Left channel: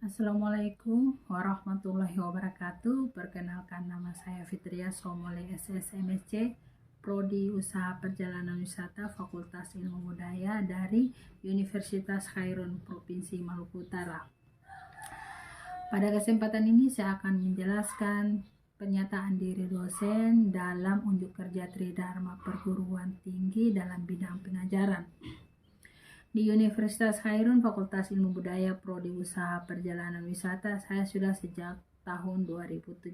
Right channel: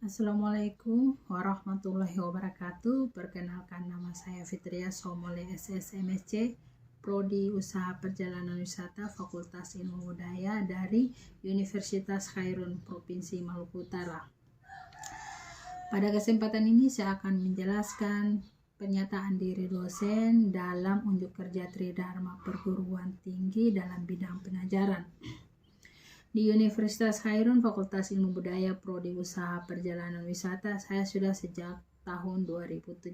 Assalamualaikum warahmatullahi wabarakatuh. Perkenalkan, nama saya Fitria Somole SSMSC, Prodi Usaha Perjalanan Wisata Fakultas Ilmu Budaya dari Universitas Khairun Provinsi Maluku Utara. Pada kesempatan ini saya akan menjelaskan pernyataan diri dosen dalam unjuk kerja Tridharma Perguruan Tinggi dalam bidang pengajaran. Di Universitas Khairun Fakultas Ilmu Budaya Prodi Usaha Perjalanan Wisata saya sudah sejak tahun 2017.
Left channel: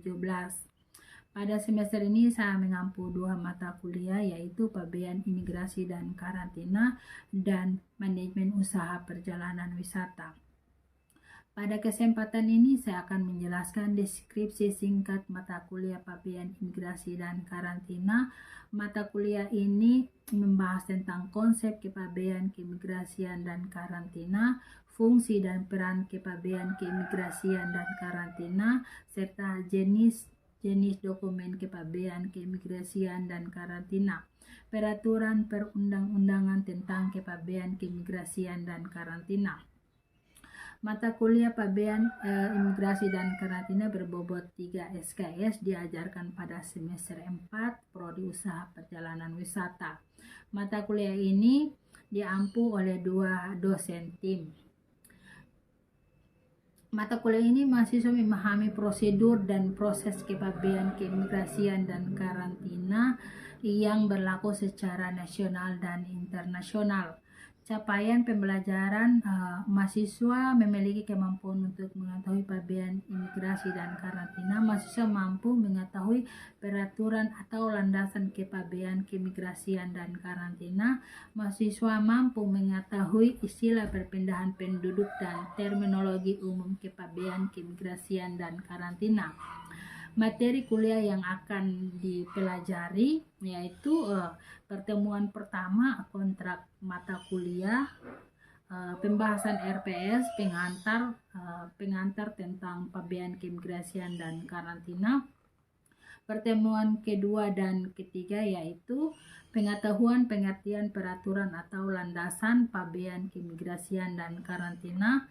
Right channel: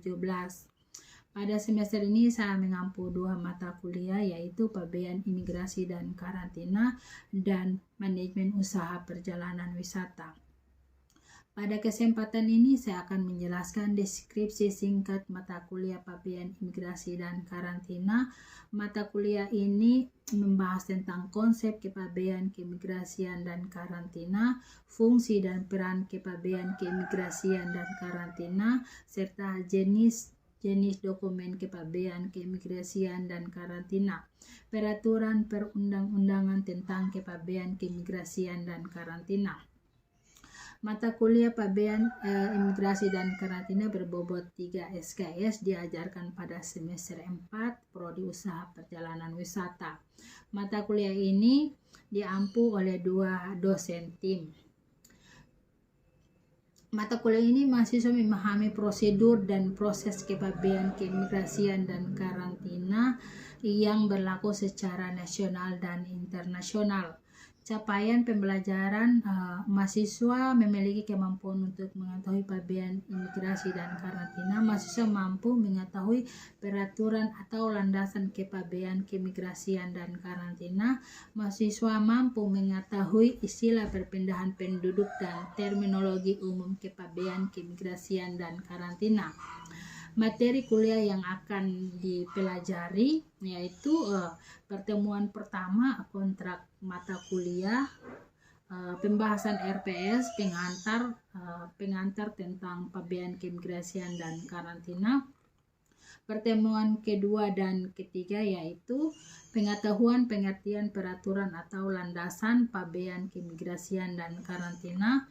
Pada semester ini saya mengampu 2 mata kuliah, yaitu Pabean Imigrasi dan Karantina dan Manajemen Usaha Perjalanan Wisata. Pada kesempatan ini saya akan menjelaskan deskripsi singkat mata kuliah Pabean Imigrasi dan Karantina. Mata kuliah ini membahas tentang konsep kepabean keimigrasian dan karantina, fungsi dan peran kepabean keimigrasian dan karantina, serta jenis dokumen kepabean keimigrasian dan karantina, peraturan perundang-undangan tentang kepabean keimigrasian dan karantina. Mata kuliah Pabean Imigrasi dan Karantina berbobot 3 SKS diajarkan pada semester 4 Prodi Usaha Perjalanan Wisata. Mata kuliah ini diampu oleh 2 dosen tim. Mata kuliah ini mahasiswa memahami prosedur dan proses kepabean keimigrasian dan karantina yang berlaku secara nasional dan internasional. Capaian pembelajaran mahasiswa memiliki kemampuan untuk mengetahui pabean imigrasi dan karantina. Mahasiswa mampu mengetahui peraturan atau landasan kepabean keimigrasian dan karantina. Mahasiswa mampu mengetahui istilah perpindahan penduduk dan terminologi umum kepabean keimigrasian dan karantina. Materi kuliah yang akan dipelajari yaitu pertemuan pertama kontrak mata kuliah, pembahasan RPS, pengantar tentang pabean keimigrasian dan karantina. Pertemuan kedua dan ketiga yaitu pengetahuan pengertian peraturan atau landasan pabean keimigrasian dan karantina.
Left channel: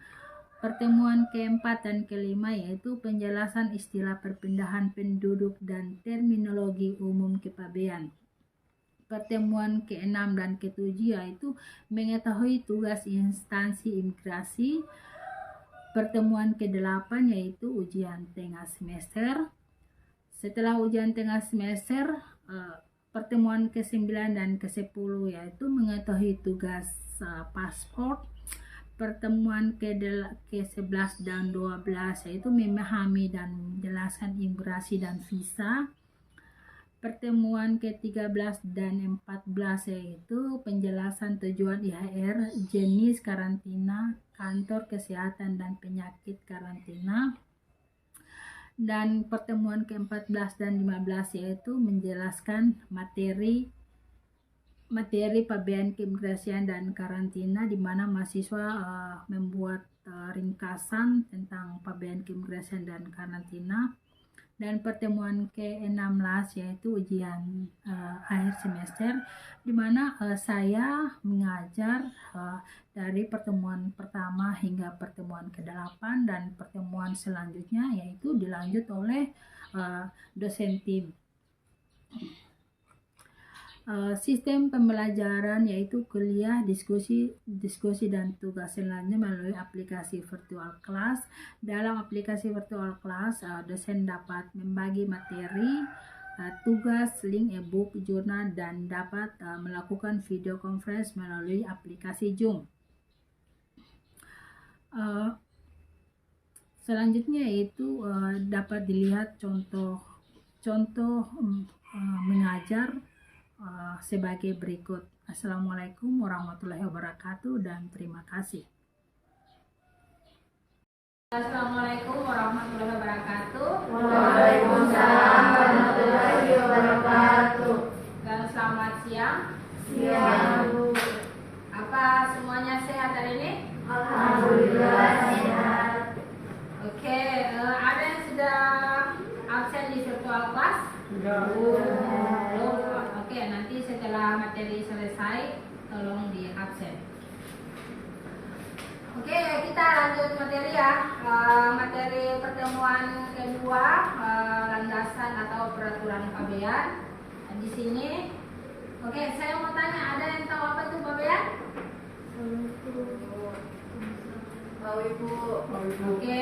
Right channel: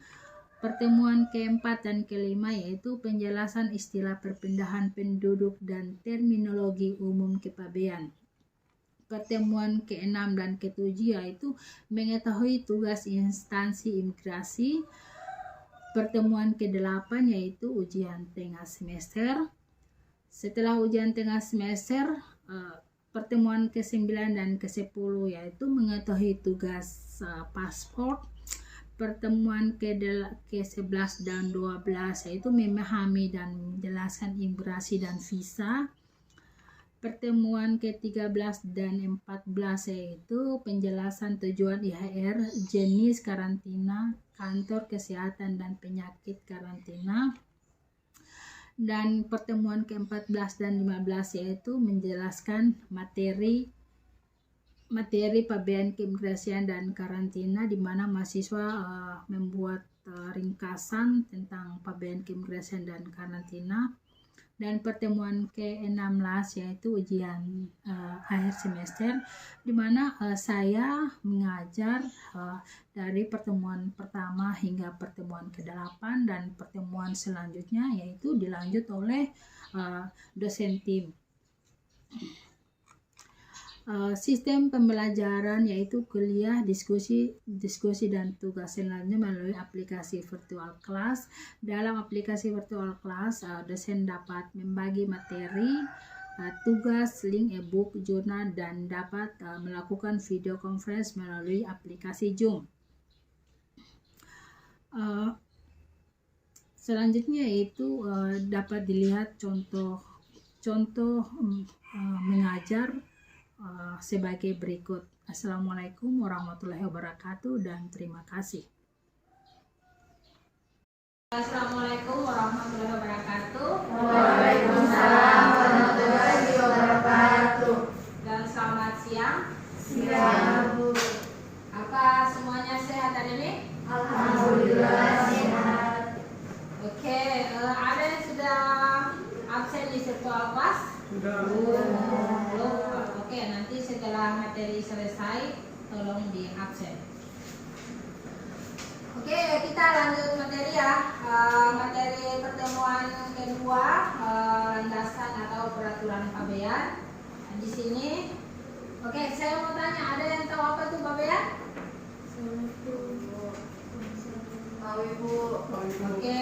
Pertemuan keempat dan kelima yaitu penjelasan istilah perpindahan penduduk dan terminologi umum kepabean. Pertemuan keenam dan ketujuh yaitu mengetahui tugas instansi imigrasi. Pertemuan kedelapan yaitu ujian tengah semester. Setelah ujian tengah semester, pertemuan ke-9 dan ke-10 yaitu mengetahui tugas paspor. Pertemuan ke-11 dan 12 yaitu memahami dan menjelaskan imigrasi dan visa. Pertemuan ke-13 dan 14 yaitu penjelasan tujuan IHR, jenis karantina, kantor kesehatan dan penyakit karantina. Dan pertemuan ke-14 dan 15 yaitu menjelaskan materi pabean keimigrasian dan karantina, di mana mahasiswa membuat ringkasan tentang pabean keimigrasian dan karantina. Dan pertemuan ke-16 yaitu ujian akhir semester, di mana saya mengajar dari pertemuan pertama hingga pertemuan ke-8, dan pertemuan selanjutnya yaitu dilanjut oleh dosen tim. Sistem pembelajaran yaitu kuliah, diskusi dan tugas selanjutnya melalui aplikasi virtual class. Dalam aplikasi virtual class, dosen dapat membagi materi, tugas, link e-book, jurnal, dan dapat melakukan video conference melalui aplikasi Zoom. Selanjutnya yaitu dapat dilihat contoh mengajar sebagai berikut. Assalamualaikum warahmatullahi wabarakatuh dan terima kasih. Assalamualaikum warahmatullahi wabarakatuh. Waalaikumsalam warahmatullahi wabarakatuh. Dan selamat siang. Siang, Bu. Apa semuanya sehat hari ini? Alhamdulillah sehat. Oke, ada yang sudah absen di virtual class? Belum. Oke, nanti setelah materi selesai tolong di absen. Oke, kita lanjut materi ya. Materi pertemuan kedua, landasan atau peraturan pabean. Nah, di sini, oke, saya mau tanya, ada yang tahu apa itu pabean? Tahu Ibu. Oke,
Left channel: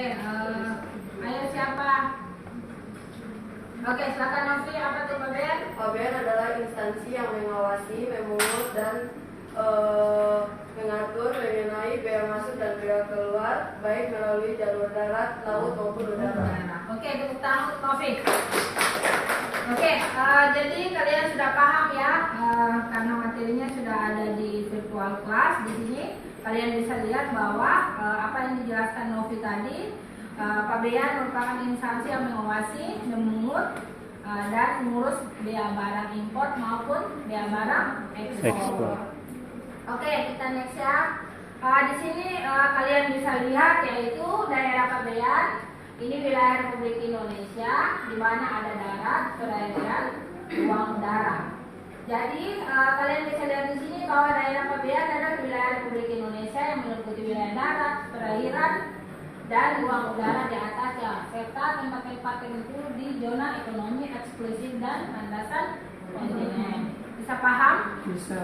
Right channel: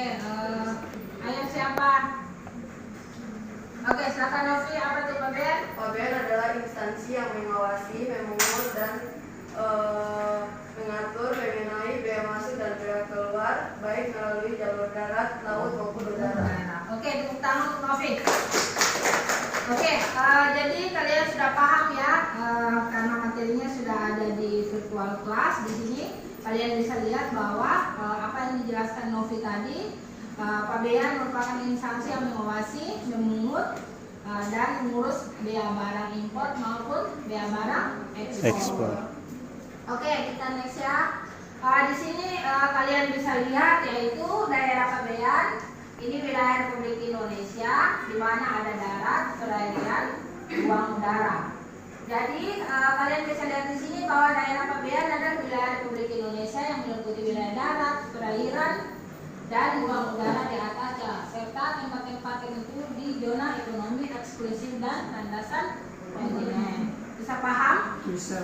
ayo siapa? Oke, silakan Novi, apa itu pabean? Pabean adalah instansi yang mengawasi, memungut dan mengatur mengenai bea masuk dan bea keluar, baik melalui jalur darat, laut maupun udara. Oke, tepuk tangan untuk Novi. Oke, jadi kalian sudah paham ya, karena materinya sudah ada di virtual class. Di sini kalian bisa lihat bahwa apa yang dijelaskan Novi tadi, pabean merupakan instansi yang mengawasi, memungut, dan mengurus bea barang impor maupun bea barang ekspor. Oke, kita next ya. Di sini kalian bisa lihat yaitu daerah pabean. Ini wilayah Republik Indonesia, di mana ada darat, perairan, ruang udara. Jadi kalian bisa lihat di sini bahwa daerah pabean adalah wilayah Republik Indonesia yang meliputi wilayah darat, perairan, dan ruang udara di atasnya, serta tempat-tempat tertentu di zona ekonomi eksklusif dan landasan kontinen. Bisa paham? Bisa.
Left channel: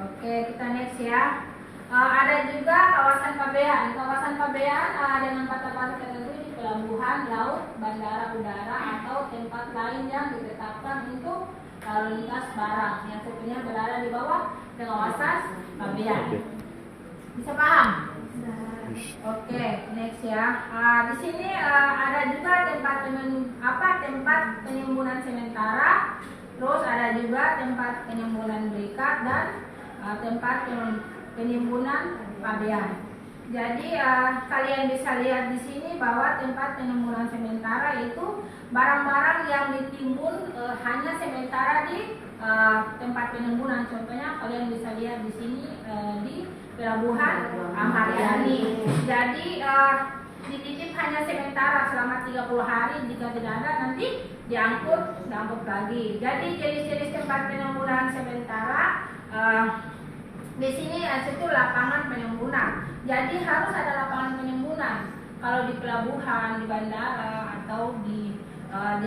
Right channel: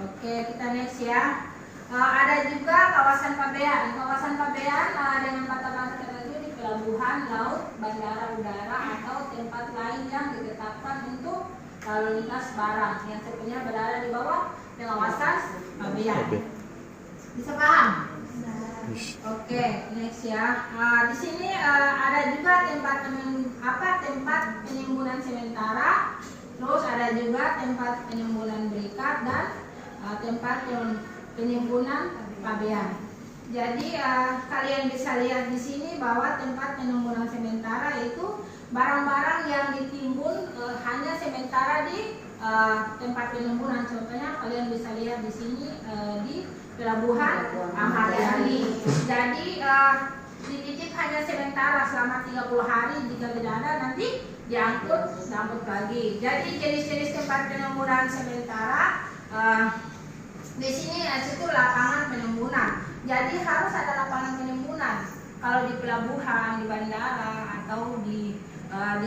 Oke, kita next ya. Ada juga kawasan pabean. Kawasan pabean dengan batas-batas tertentu di pelabuhan, laut, bandara udara, atau tempat lain yang ditetapkan untuk lalu lintas barang yang sebenarnya berada di bawah kawasan pabean. Bisa paham? Oke, next ya. Di sini ada juga tempat penimbunan sementara, terus ada juga tempat penimbunan berikat dan tempat penimbunan pabean. Jadi kalian bisa lihat di sini bahwa tempat penimbunan sementara itu barang-barang yang ditimbun hanya sementara di tempat penimbunan. Contohnya kalian bisa lihat di sini di pelabuhan Ahmad Yani. Jadi dititip hanya sementara selama 30 hari, jika tidak ada nanti diangkut lagi. Jadi jenis-jenis tempat penimbunan sementara di sini itu lapangan penimbunan. Jadi harus ada lapangan penimbunan. Kalau di pelabuhan, di bandara, atau di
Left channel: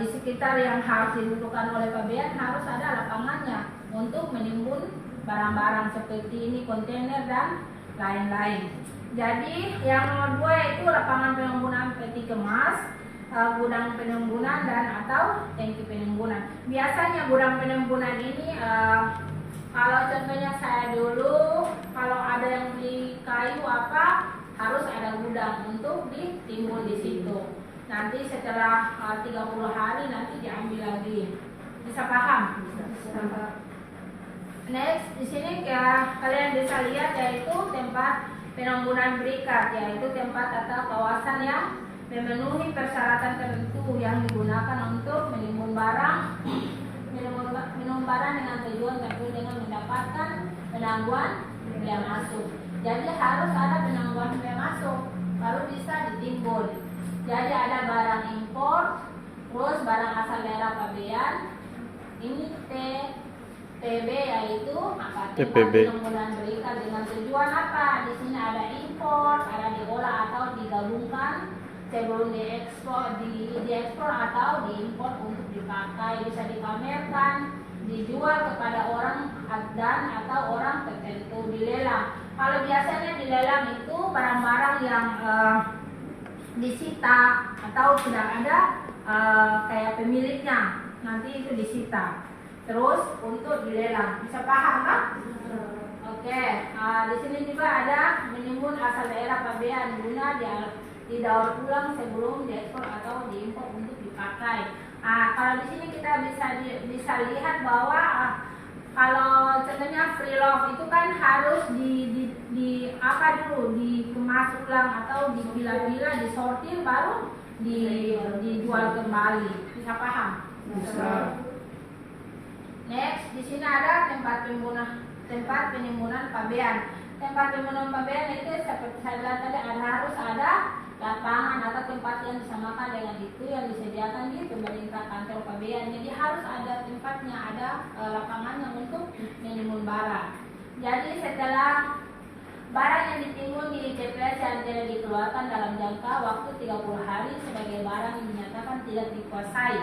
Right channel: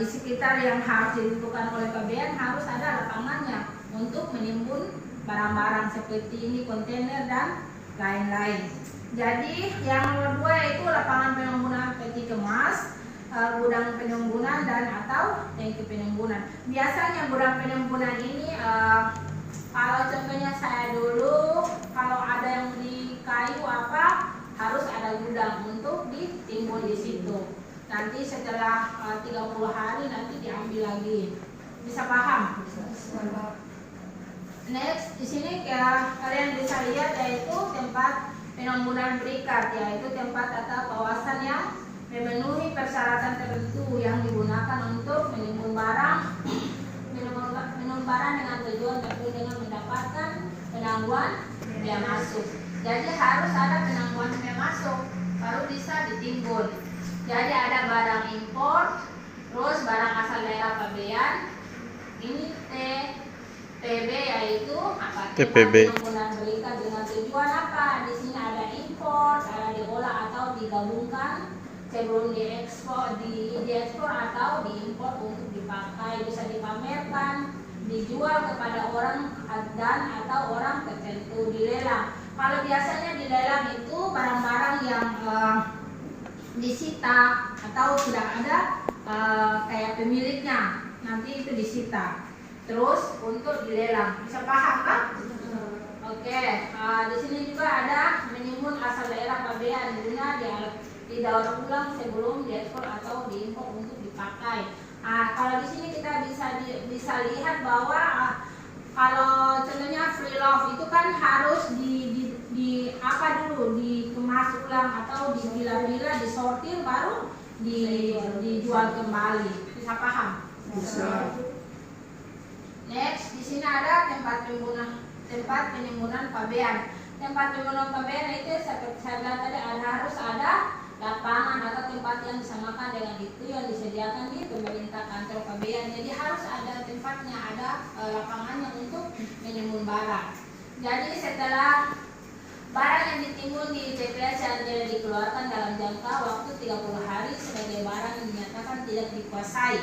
sekitar yang harus ditentukan oleh pabean harus ada lapangannya untuk menimbun barang-barang seperti ini, kontainer dan lain-lain. Jadi yang nomor 2 itu lapangan penimbunan peti kemas, gudang penimbunan dan atau tangki penimbunan. Biasanya gudang penimbunan ini kalau contohnya saya dulu, kalau ada yang beli kayu apa harus ada gudang untuk ditimbun di situ. Nanti setelah 30 hari nanti diambil lagi. Bisa paham? Bisa. Next, di sini ya kalian bisa lihat yaitu tempat penimbunan berikat, yaitu tempat atau kawasan yang memenuhi persyaratan tertentu yang digunakan untuk menimbun barang dengan tujuan tertentu dengan mendapatkan penangguhan bea masuk. Jadi harus ada penangguhan bea masuk baru bisa ditimbun. Jadi ada barang impor, terus barang asal daerah pabean. Ini TPB yaitu apa? TPB. Penimbunan berikat dengan tujuan apa? Di sini ada impor, ada diolah atau digabungkan sebelum diekspor atau diimpor untuk dipakai, bisa dipamerkan, dijual kepada orang dan atau orang tertentu, dilelang. Kalau biasanya dilelang itu barang-barang yang disita atau tidak ada kayak pemiliknya, nanti itu disita. Terus untuk dilelang, bisa paham kan? Oke, di sini juga ada menimbun asal daerah pabean guna didaur ulang sebelum diekspor atau diimpor untuk dipakai. Kalau di sini kita bisa lihat bahwa kalau contohnya free love itu kan harus di apa dulu dikemas ulang atau dipilah-pilah, disortir baru dijual kembali. Bisa paham? Bisa. Next, di sini ada tempat penimbunan pabean. Tempat penimbunan pabean itu seperti saya bilang tadi harus ada lapangan atau tempat yang disamakan dengan itu yang disediakan di pemerintah kantor pabean. Jadi harus ada tempatnya, ada lapangannya untuk menimbun barang. Jadi setelah barang yang ditimbun di TPS yang tidak dikeluarkan dalam jangka waktu 30 hari sebagai barang yang dinyatakan tidak dikuasai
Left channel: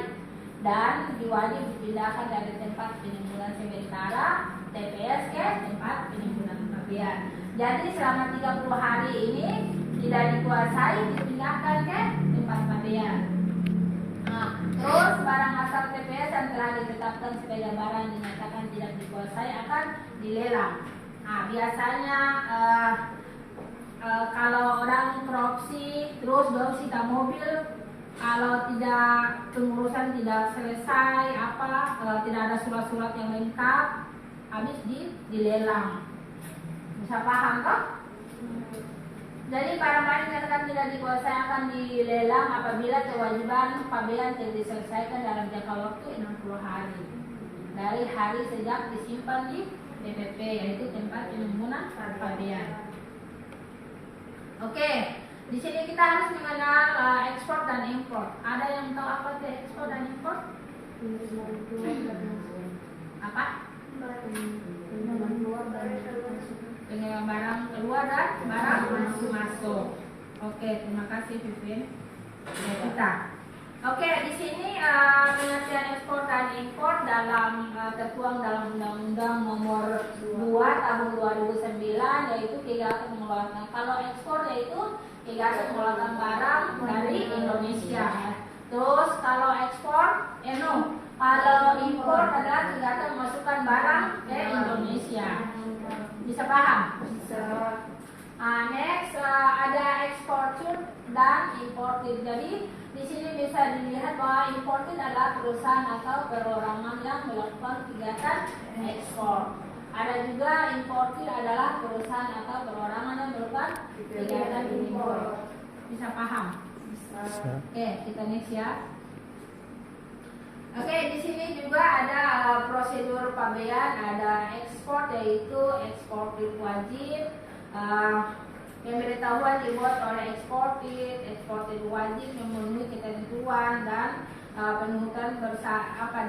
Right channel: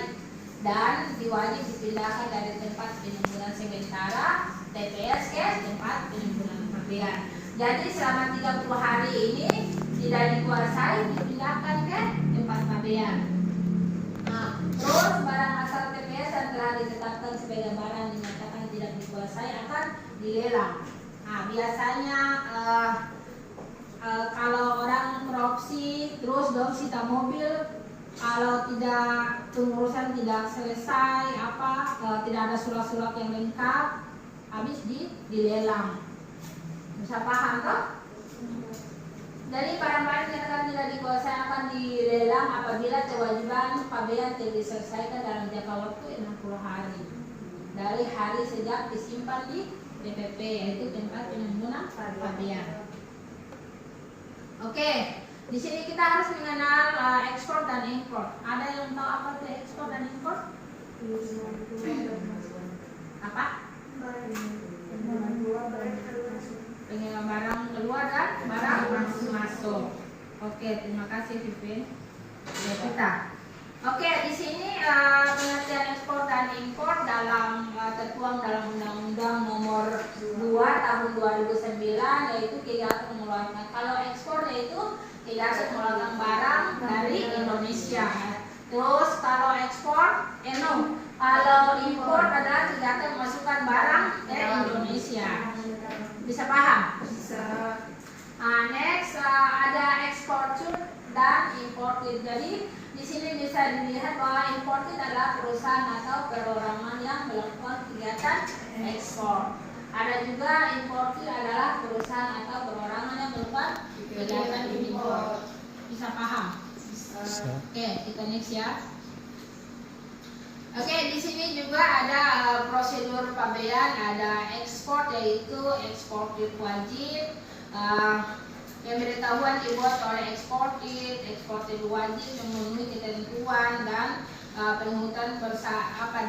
dan diwajib dipindahkan dari tempat penimbunan sementara TPS ke tempat penimbunan pabean. Jadi selama 30 hari ini tidak dikuasai dipindahkan ke tempat pabean. Nah, terus barang asal TPS yang telah ditetapkan sebagai barang dinyatakan tidak dikuasai akan dilelang. Nah, biasanya kalau orang korupsi terus disita mobil, kalau tidak pengurusan tidak selesai tidak ada surat-surat yang lengkap, habis dilelang. Bisa paham toh? Jadi barang-barang yang tidak dikuasai akan dilelang apabila kewajiban pabean tidak diselesaikan dalam jangka waktu 60 hari dari hari sejak disimpan di TPP, yaitu tempat penimbunan pabean. Oke, di sini kita harus mengenal ekspor dan impor. Ada yang tahu apa itu ekspor dan impor? Apa? Pengiriman barang keluar dan barang masuk. Oke, terima kasih Vivin. Ya, kita. Oke, di sini pengertian ekspor dan impor tertuang dalam Undang-Undang Nomor 2 Tahun 2009, yaitu kegiatan mengeluarkan. Kalau ekspor yaitu kegiatan mengeluarkan barang dari Indonesia. Terus kalau ekspor, kalau impor adalah kegiatan memasukkan barang dari Indonesia. Bisa paham? Bisa. Next ada eksportir dan importir. Jadi di sini bisa dilihat bahwa importir adalah perusahaan atau perorangan yang melakukan kegiatan ekspor. Ada juga importir adalah perusahaan atau perorangan yang melakukan kegiatan impor. Bisa paham? Bisa. Oke, kita next ya. Oke, di sini juga ada prosedur pabean, ada ekspor yaitu eksportir wajib. Pemberitahuan dibuat oleh eksportir wajib memenuhi ketentuan dan penghutang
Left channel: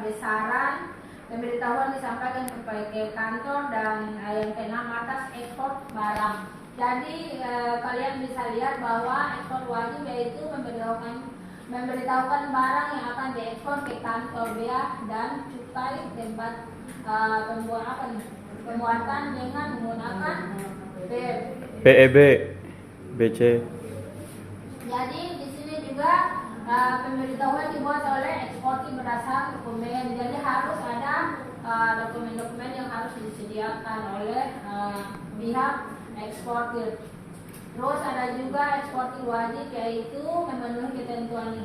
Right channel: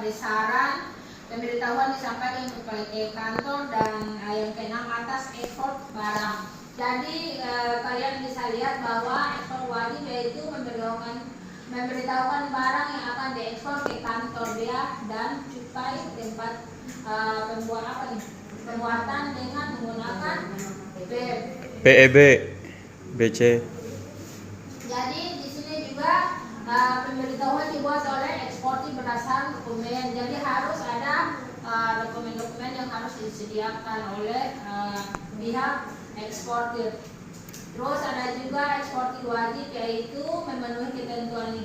besaran. Pemberitahuan disampaikan kepada kantor dan yang keenam atas ekspor barang. Jadi kalian bisa lihat bahwa ekspor wajib yaitu memberitahukan barang yang akan diekspor ke kantor bea dan cukai tempat pembuatan dengan menggunakan PEB, BC. Jadi di sini juga pemberitahuan dibuat oleh eksportir berdasarkan dokumen. Jadi harus ada dokumen-dokumen yang harus disediakan oleh pihak eksportir. Terus ada juga eksportir wajib yaitu memenuhi ketentuan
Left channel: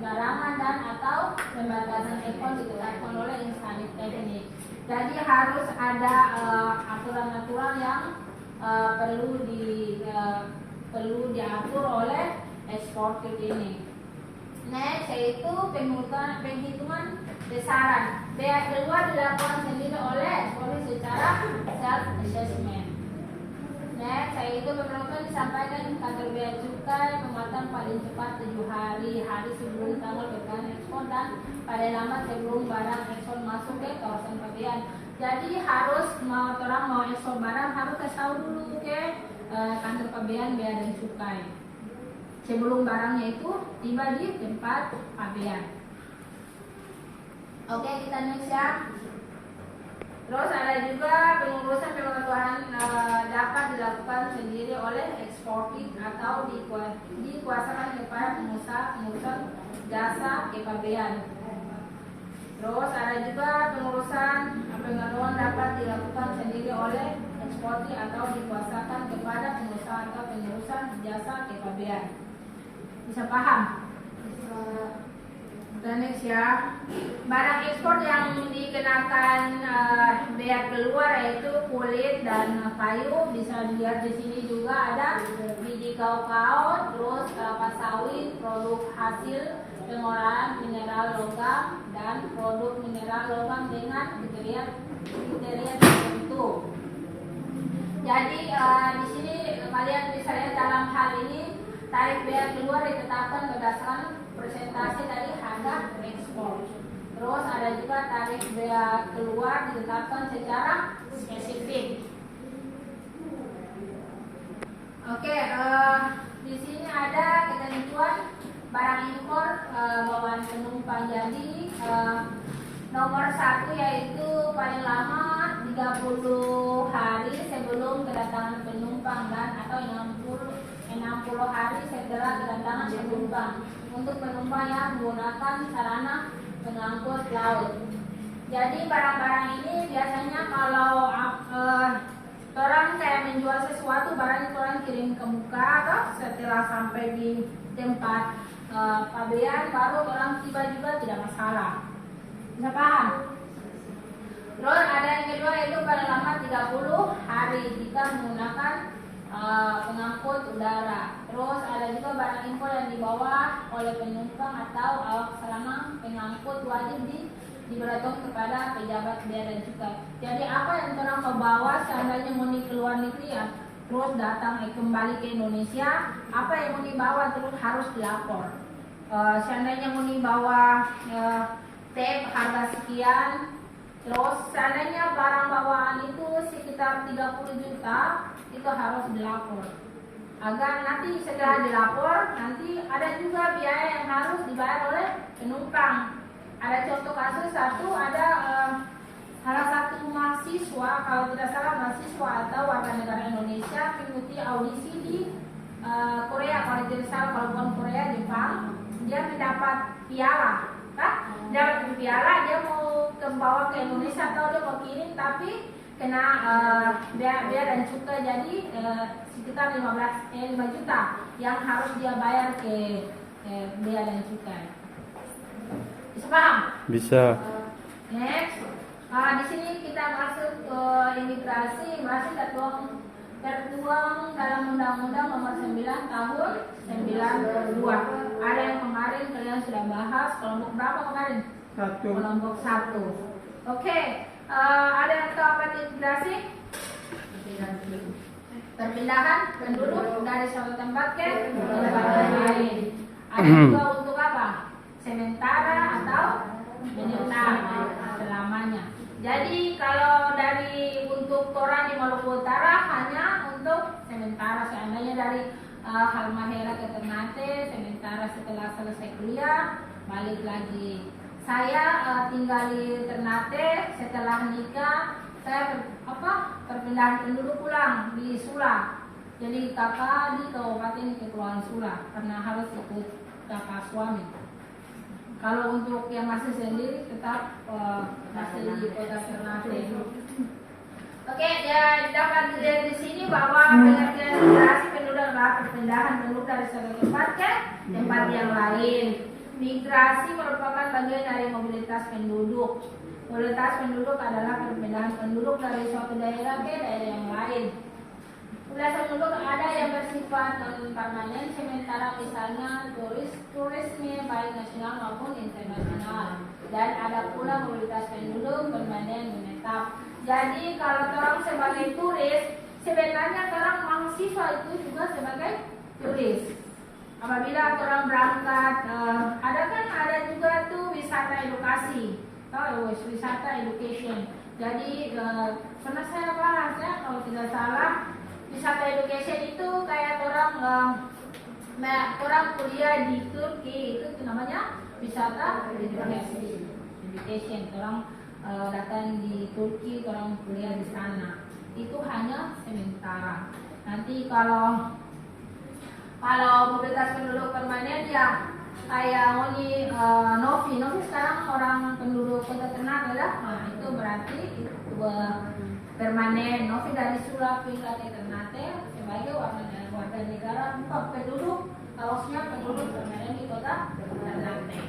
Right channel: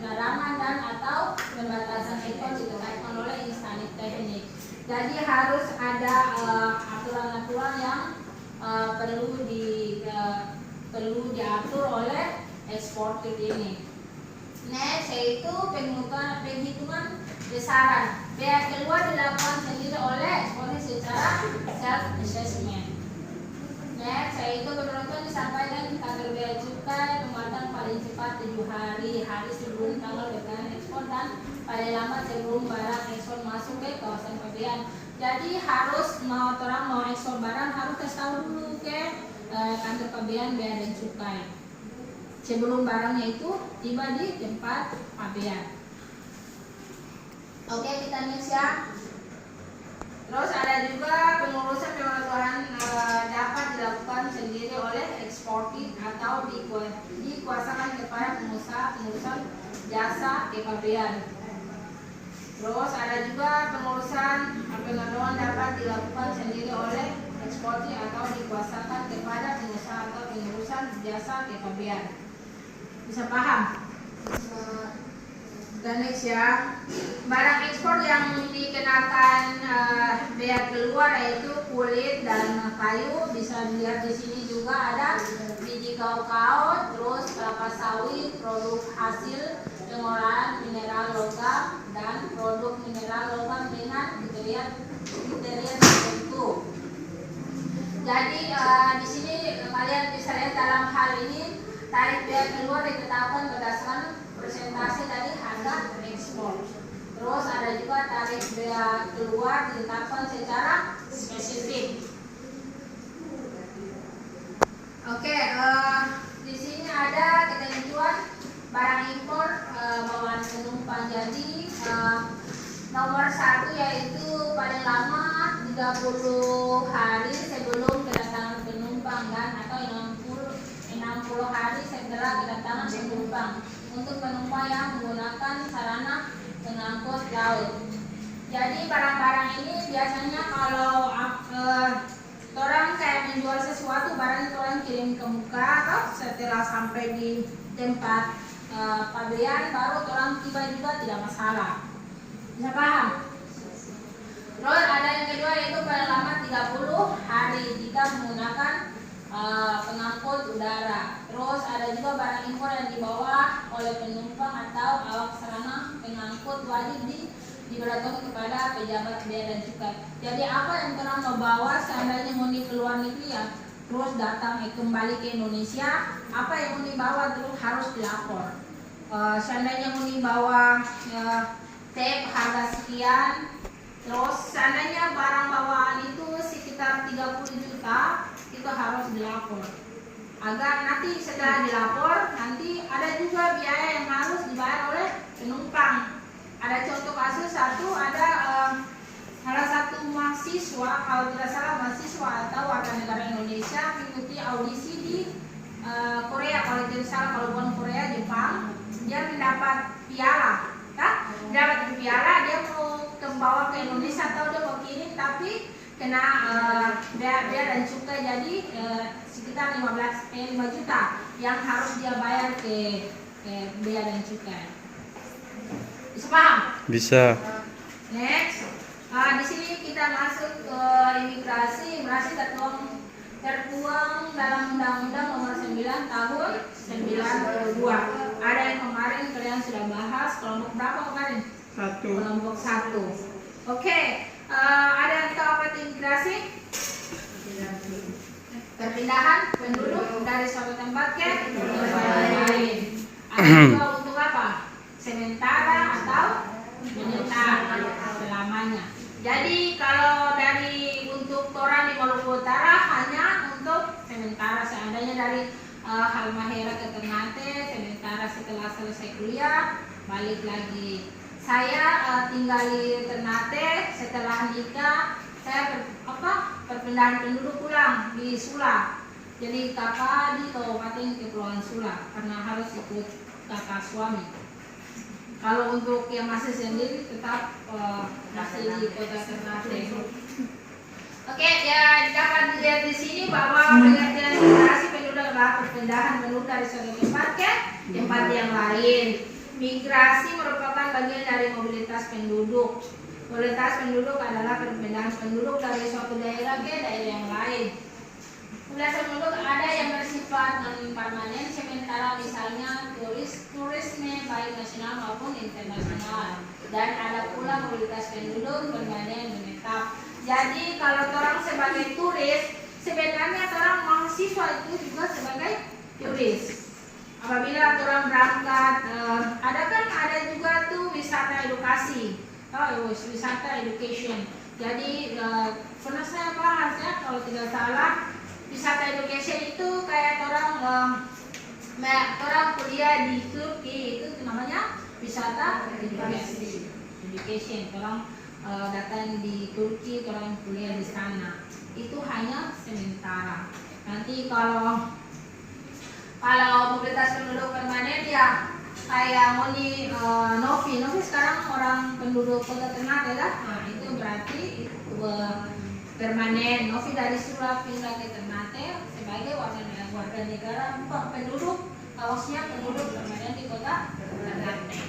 larangan dan atau pembatasan ekspor ditetapkan oleh instansi teknik. Jadi harus ada aturan-aturan yang perlu diatur oleh eksportir ini. Next yaitu penghitungan besaran. Bea keluar dilakukan sendiri oleh eksportir secara self assessment. Next yaitu pemberitahuan disampaikan di kantor bea cukai pembuatan paling cepat 7 hari sebelum tanggal berkenan ekspor dan paling lambat sebelum barang ekspor masuk ke kawasan pabean. Jadi harus orang mau ekspor barang harus kasih tahu dulu ke kantor pabean bea dan cukai sebelum barangnya itu tiba di tempat pabean. Oke, kita next ya. Terus ada juga pengurusan pengetahuan dapat dilakukan sendiri oleh eksportir atau dikuasakan kepada pengusaha pengurusan jasa ke pabean. Terus ada juga pengurusan pengetahuan dapat dilakukan sendiri oleh eksportir atau dikuasakan kepada pengusaha atau pengurusan jasa ke pabean. Bisa paham? Dan next ya, barang ekspor yang dikenakan bea keluar yaitu kulit dan kayu. Bisa dilihat di sini juga ada biji kakao, terus kelapa sawit, produk hasil pengolahan mineral logam dan produk mineral logam dengan kriteria tertentu. Jadi di sini kalian bisa lihat dalam hal ini tarif bea keluar ditetapkan berdasarkan persentase dari harga ekspor. Terus ada juga tarif bea keluar ditetapkan secara spesifik. 30 hari sebelum kedatangan penumpang dan atau 60 hari setelah kedatangan penumpang untuk penumpang yang menggunakan sarana pengangkut laut. Jadi barang-barang ini biasanya kalau orang kayak menjual sesuatu, barang itu orang kirim ke muka atau setelah sampai di tempat pabean baru orang tiba juga tidak masalah. Bisa paham? Terus ada yang kedua yaitu paling lama 30 hari jika menggunakan pengangkut udara. Terus ada juga barang impor yang dibawa oleh penumpang atau awak sarana pengangkut wajib diberitahu kepada pejabat bea dan cukai. Jadi apa yang orang membawa seandainya mau ke luar negeri ya, terus datang kembali ke Indonesia, apa yang mau dibawa terus harus dilapor. Seandainya mau dibawa tape harga sekian, terus seandainya barang bawaan itu sekitar 30 juta, itu harus dilapor. Agar nanti setelah dilapor, nanti ada juga biaya yang harus dibayar oleh penumpang. Ada contoh kasus ada salah satu mahasiswa, kalau tidak salah mahasiswa atau warga negara Indonesia mengikuti audisi di Korea, kalau tidak salah kalau bukan Korea, Jepang, dia mendapat piala, dapat piala, dia mau membawa ke Indonesia atau dia mau kirim tapi kena bea dan cukai, jadi sekitar 5 juta yang harus dia bayar ke bea dan cukai. Bisa paham? Bisa. Next, di sini kita masuk ke imigrasi. Masih tertuang dalam Undang-Undang Nomor 9 Tahun 92. Ada yang kemarin kalian sudah bahas. Kelompok berapa kemarin? 1. Kelompok 1. Oke, ada yang tahu apa itu imigrasi? Perpindahan penduduk dari suatu tempat ke tempat lain. Ada juga untuk apa? Sementara atau menetap selamanya. Jadi kalau dari untuk orang di Maluku Utara hanya untuk sementara, seandainya dari Halmahera ke Ternate, sementara setelah selesai kuliah balik lagi. Saya tinggal di Ternate, setelah nikah saya perpindahan penduduk pulang di Sula. Jadi kakak di Kabupaten Kepulauan Sula karena harus ikut kakak suami. Kalau untuk yang masih sendiri tetap masih di kota Ternate. Oke, ya dapat dilihat di sini bahwa pengertian migrasi penduduk adalah perpindahan penduduk dari suatu tempat ke tempat yang lain. Migrasi merupakan bagian dari mobilitas penduduk. Mobilitas penduduk adalah perpindahan penduduk dari suatu daerah ke daerah yang lain. Mobilitas penduduk ada yang bersifat permanen, sementara misalnya turisme baik nasional maupun internasional. Dan ada pula mobilitas penduduk permanen menetap. Jadi kalau orang sebagai turis, sebenarnya orang mahasiswa itu juga sebagai turis. Apabila orang berangkat, ada juga tuh wisata edukasi, wisata education. Jadi pernah saya bahas ya, kalau tidak salah. Wisata education itu kayak orang kuliah di Turki, itu namanya wisata education. Orang datang di Turki, orang kuliah di sana. Itu hanya sementara. Nanti kalau mobilitas penduduk permanen ya kayak Novi sekarang orang penduduk kota Ternate lah. Nah, itu berarti permanen. Novi dari Sula pindah ke Ternate sebagai warga negara penduduk, kaosnya penduduk permanen di kota Ternate.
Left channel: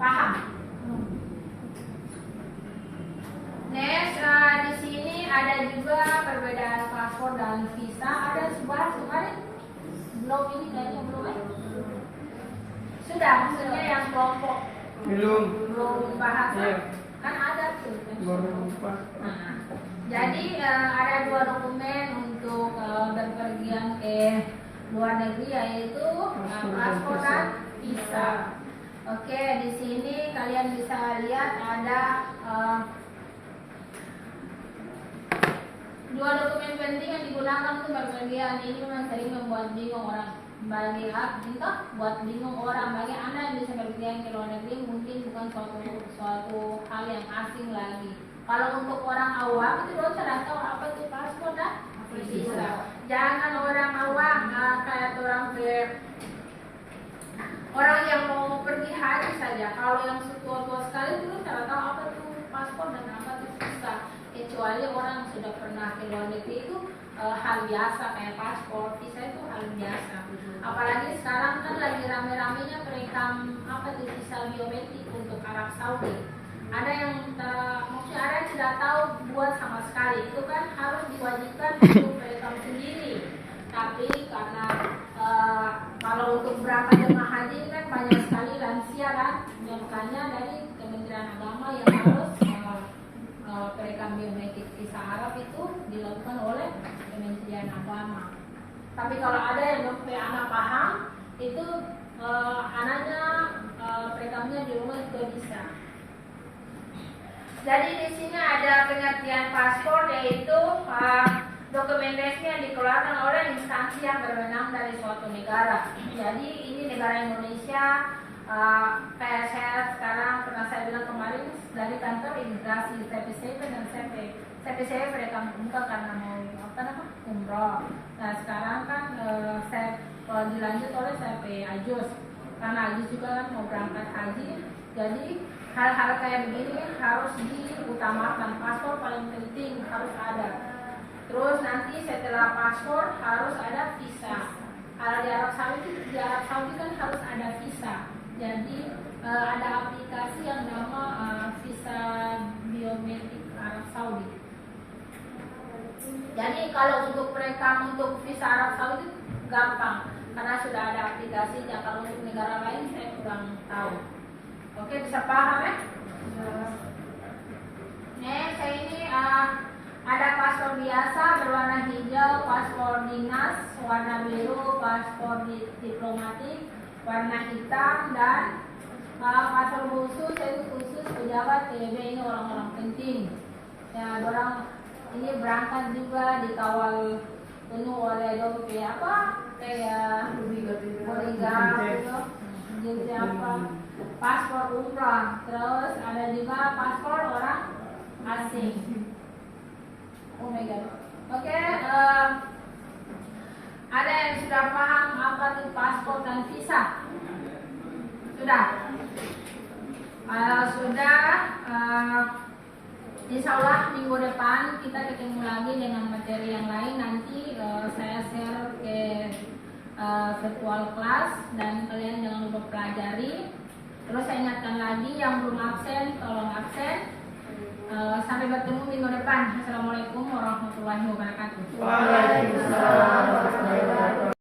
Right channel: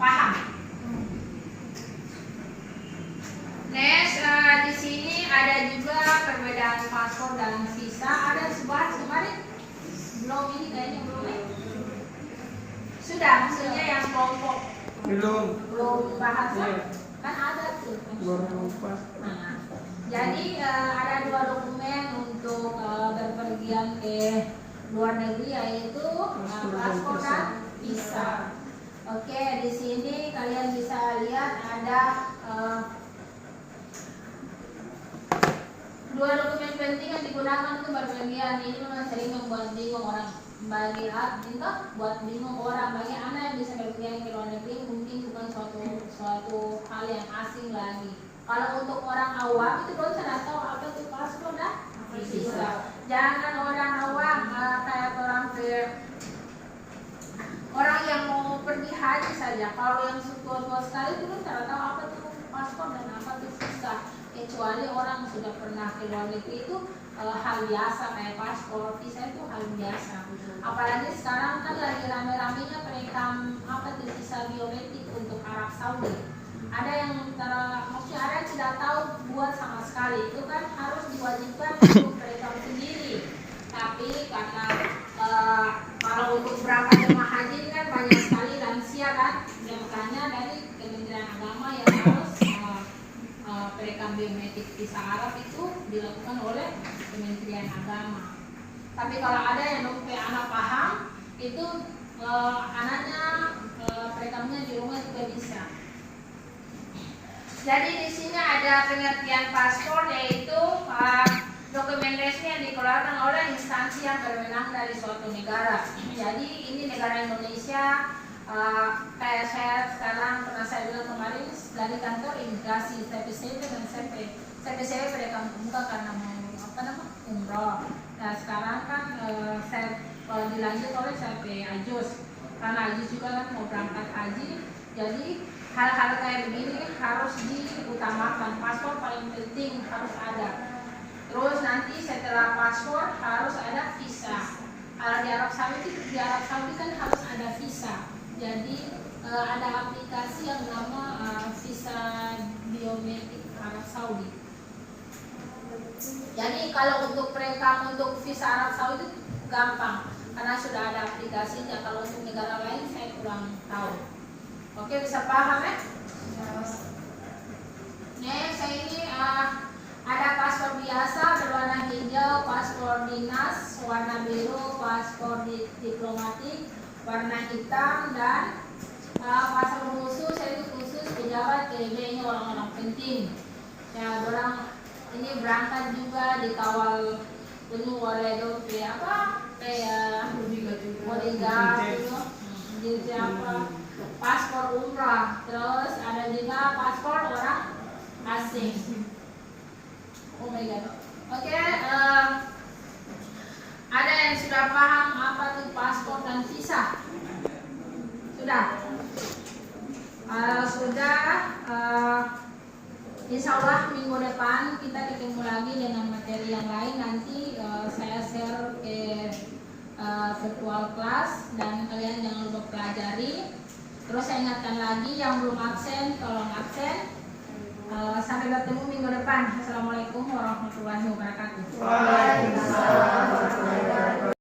Paham? Next, di sini ada juga perbedaan paspor dan visa. Ada sebuah kemarin belum ini kayaknya belum ya? Sudah, maksudnya yang kelompok belum bahas kan ada tuh. Nah, jadi ada 2 dokumen untuk berpergian ke luar negeri yaitu paspor dan visa. Oke, di sini kalian bisa lihat ada 2 dokumen penting yang digunakan untuk berpergian. Ini memang sering membuat bingung orang. Bagi buat bingung orang, bagi Anda yang bisa berpergian ke luar negeri mungkin bukan suatu hal yang asing lagi. Kalau untuk orang awam itu dong tidak tahu apa itu paspor dan visa. Jangan orang awam kayak orang yang mau pergi haji saja. Kalau yang tua-tua sekali itu tidak tahu apa itu paspor dan apa itu visa. Kecuali orang sudah pernah ke luar negeri itu hal biasa kayak paspor, visa itu hal biasa. Apalagi sekarang kan lagi rame-ramenya perekam apa itu visa biometrik untuk Arab Saudi. Ada yang maksudnya ada yang tidak tahu buat sama sekali, itu kan harus diwajibkan untuk perekam sendiri. Tapi karena kalau untuk berapa jemaah haji kan banyak sekali lansia kan, makanya dari Kementerian Agama yang harus perekam biometrik visa Arab itu dilakukan oleh Kementerian Agama. Tapi kalau ada yang anak paham itu anaknya perekamnya di rumah juga bisa. Jadi di sini ada pengertian paspor, yaitu dokumen resmi yang dikeluarkan oleh instansi yang berwenang dari suatu negara. Jadi ini negara Indonesia, kayak saya sekarang pernah saya bilang kemarin dari kantor imigrasi CP dan CP perekam muka karena mau umroh. Nah sekarang kan saya dilanjut oleh CP Ajus karena Ajus juga kan mau berangkat haji. Jadi hal-hal kayak begini harus diutamakan. Paspor paling penting harus ada. Terus nanti setelah paspor harus ada visa. Kalau di Arab Saudi kan harus ada visa. Jadi ada aplikasi yang nama visa biometrik Arab Saudi. Jadi kalau untuk perekam untuk visa Arab Saudi gampang karena sudah ada aplikasinya. Kalau untuk negara lain saya kurang tahu. Oke, bisa paham ya? Saya ini ada paspor biasa berwarna hijau, paspor dinas warna biru, paspor diplomatik warna hitam, dan paspor khusus yaitu khusus pejabat PB, ini orang-orang penting. Ya, orang ini berangkat juga dikawal penuh oleh dompet apa kayak bodyguard gitu. Jadi apa? Paspor umrah, terus ada juga paspor orang asing. Oh my god. Oke, ada yang sudah paham apa itu paspor dan visa? Sudah? Sudah. Insya Allah minggu depan kita ketemu lagi dengan materi yang lain. Nanti saya share ke virtual class dan kalian jangan lupa pelajari. Terus saya ingatkan lagi yang belum absen tolong absen. Sampai bertemu minggu depan. Assalamualaikum warahmatullahi wabarakatuh. Waalaikumsalam warahmatullahi wabarakatuh.